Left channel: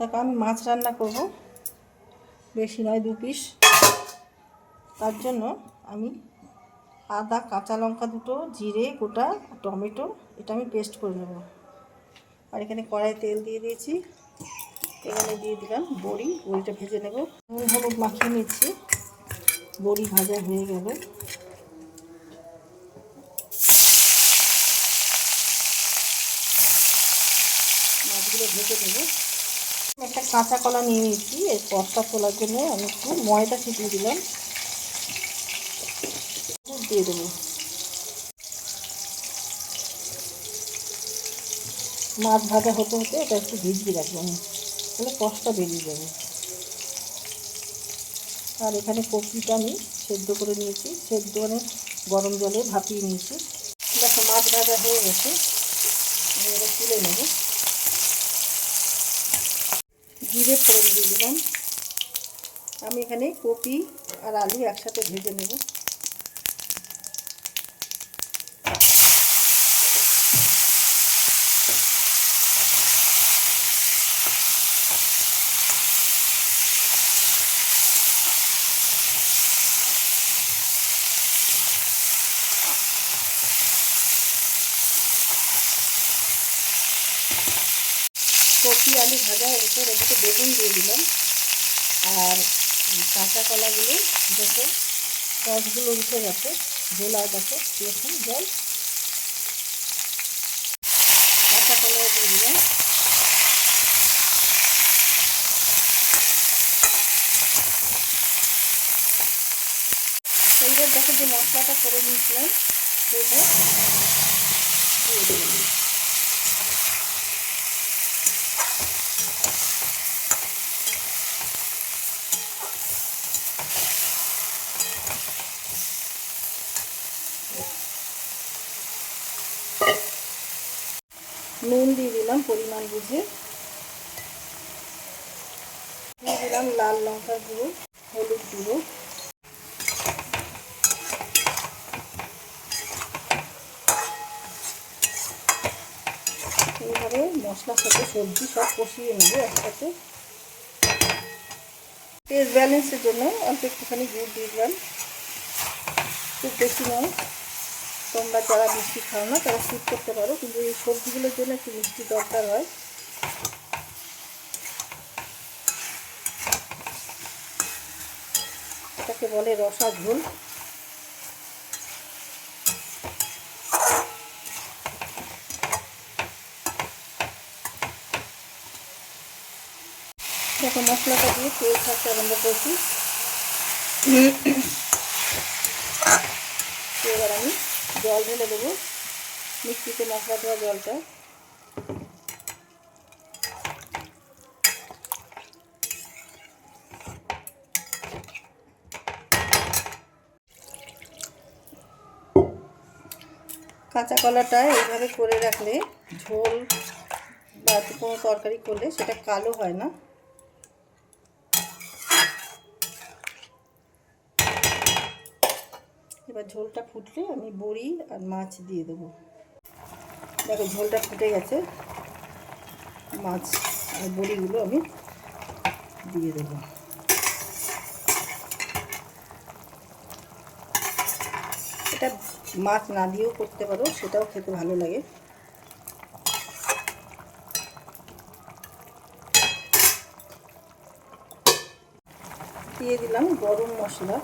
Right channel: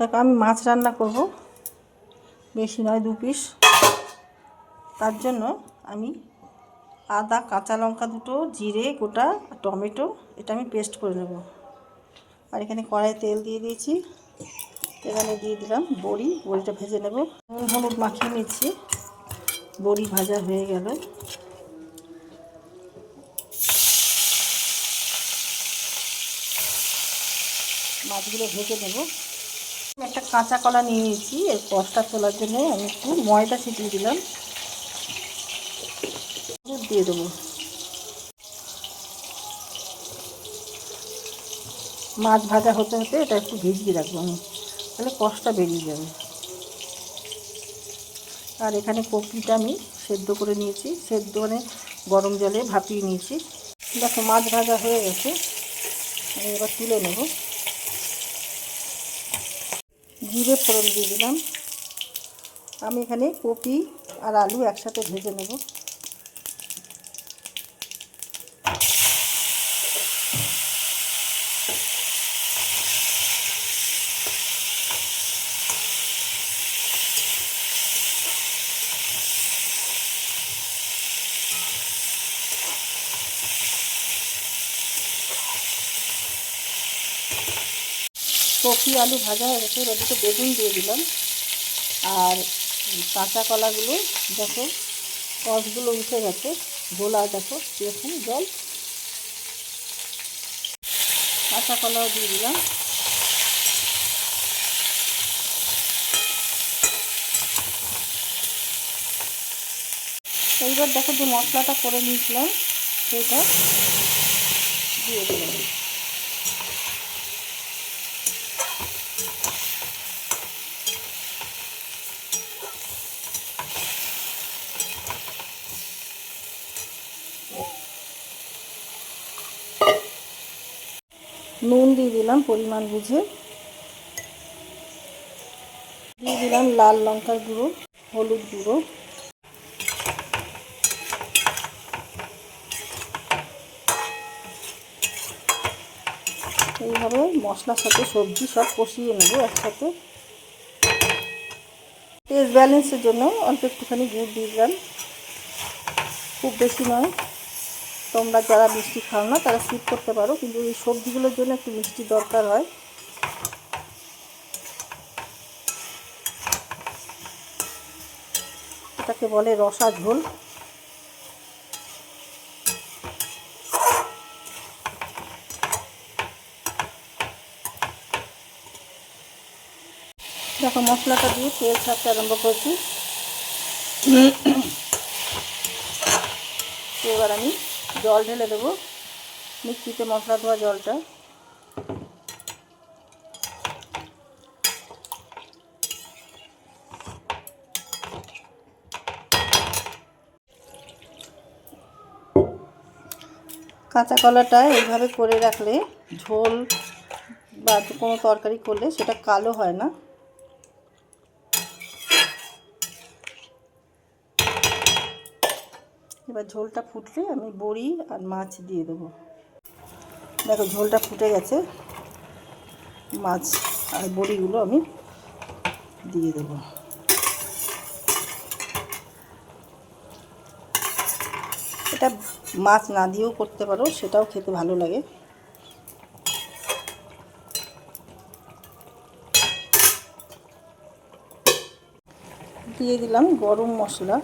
দেখো আমি মাছ রান্না করব, বেশি নয় 2 পিস। তার জন্য আমি আদা, কাঁচা লঙ্কা দুটো, জিরে গোটা, টমেটো এটা আমি পেস্ট করে নেব। আর এখানে কড়াই তেল দিয়ে দিয়েছি, এখানে দিয়ে দিলাম বড়িটা ভেজে নেব। নুন হলুদ মাখিয়ে নিচ্ছি, বড়ি ভাজা হয়ে গেল। মাছগুলো ভেজে নেব। একটা কাঁচা কলা নিয়ে নিয়েছি, এর কষটা তোলার জন্য আমি একটু ময়দা ছিটিয়ে দিলাম, দুধ দিয়ে দেবো। মাছ ভাজা হতে হতে এটা একটু ভিজিয়ে রাখবো আমি, তাহলে কষটা বেরিয়ে যাবে। আর এখানে কপিটা আমি সেদ্ধ করে নিয়েছি, সেদ্ধ মানে গরম জলে ভাপিয়ে নিয়েছি। দেখো মাছ ভাজা হয়ে গেছে, আমি এবার তুলে নেব। জিরে ফোড়ন দিয়ে দিলাম। আমি এখানে কপি আর আলু একসাথে ভেজে নেব। কপি আলু ভাজা হয়ে গেছে, এদিকে বেগুন দিয়ে দিলাম। আর কাঁচা কলাগুলো দেখো রসগুলো উঠে গেছে, গোলা দেখো এরকম জল। কাঁচা কলাও দিয়ে দিলাম। এইবার দেখো যে মশলাটা করে নিয়েছিলাম সেটা দিয়ে দিলাম। নুন দিয়ে দিলাম পরিমাণ বুঝে, দিয়ে দিলাম লাল লঙ্কার গুঁড়ো, হলুদ গুঁড়ো। এইভাবে মশলার সাথে সবজি সব কষিয়ে নেব একসাথে। টেস্ট ব্যালেন্সের জন্য অল্প একটুখানি গুড় দিয়ে দিলাম, খুব বেশি নয়। তোমরা যারা মিষ্টি খাও না তারা স্কিপ করতে পারো, কিন্তু এই সবজিগুলোর জন্য একটু মিষ্টি দরকার হয়। এটাকে বলে রসা ঝোল। দেখো মশলাটা দিয়ে তেল ছাড়তে আরম্ভ করছি। এবার আমি জল ঢেলে দেবো, মিক্সিতে মশলা ধোয়া জলটা। কাঁচা কলাটা এইভাবে করে রাখলে ঝোল বা কোনো তরকারি করলে সেটা কালো হয় না। এবার ঝোলটা ফুটলে আমি বড়ি আর মাছ দিয়ে দেবো। দেখো ঝোলটা ফুটে গেছে, মাছ আর বড়িগুলো আমি দিয়ে দেবো। এটা মাছ না দিয়েও করতে পারো, সেটাও খেতে ভালো লাগে। দিয়ে দিলাম গরম মশলা,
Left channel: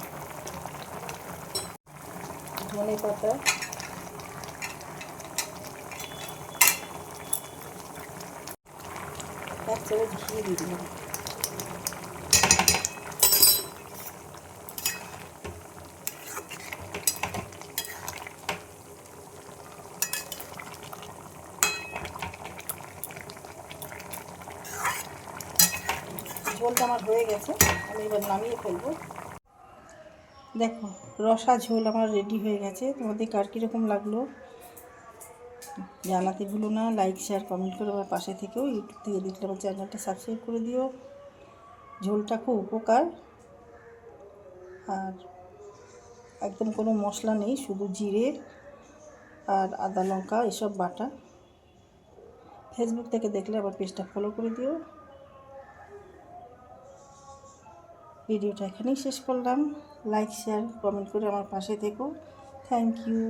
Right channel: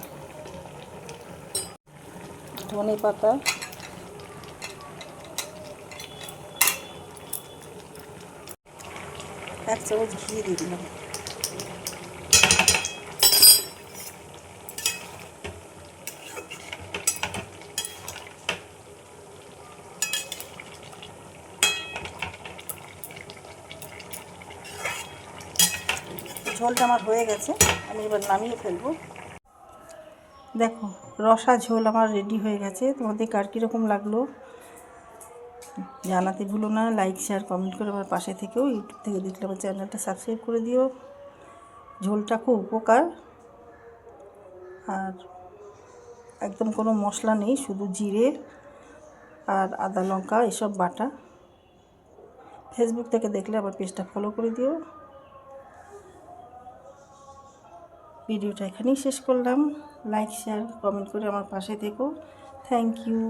ধনে পাতা, এক চামচ ঘি দিয়ে দিলাম। ঝোলটা আমার হয়ে গেছে, আমি এবার নামিয়ে ফেলবো। দেখো রসা ঝোল আমার রেডি হয়ে গেছে। তোমাদের কার কীরকম লাগলো জানাতে ভুলো না। লাইক শেয়ার কমেন্ট করে আমার পাশে থেকেও, ইউটিউব থেকে দেখলে আমার চ্যানেলটা সাবস্ক্রাইব করে দিও। ঝোলটা খুব উপকার, আর একদম কোনো মশলা নেই, শুধু জিরে আর আদা লঙ্কা এসব বাটা। ফেসবুক থেকে দেখলে আবার পেজটা ফলো করে দিও। ভিডিওটা এখানেই শেষ করলাম। লাইক শেয়ার কমেন্ট করে আমার পাশে থেকো। Thank you.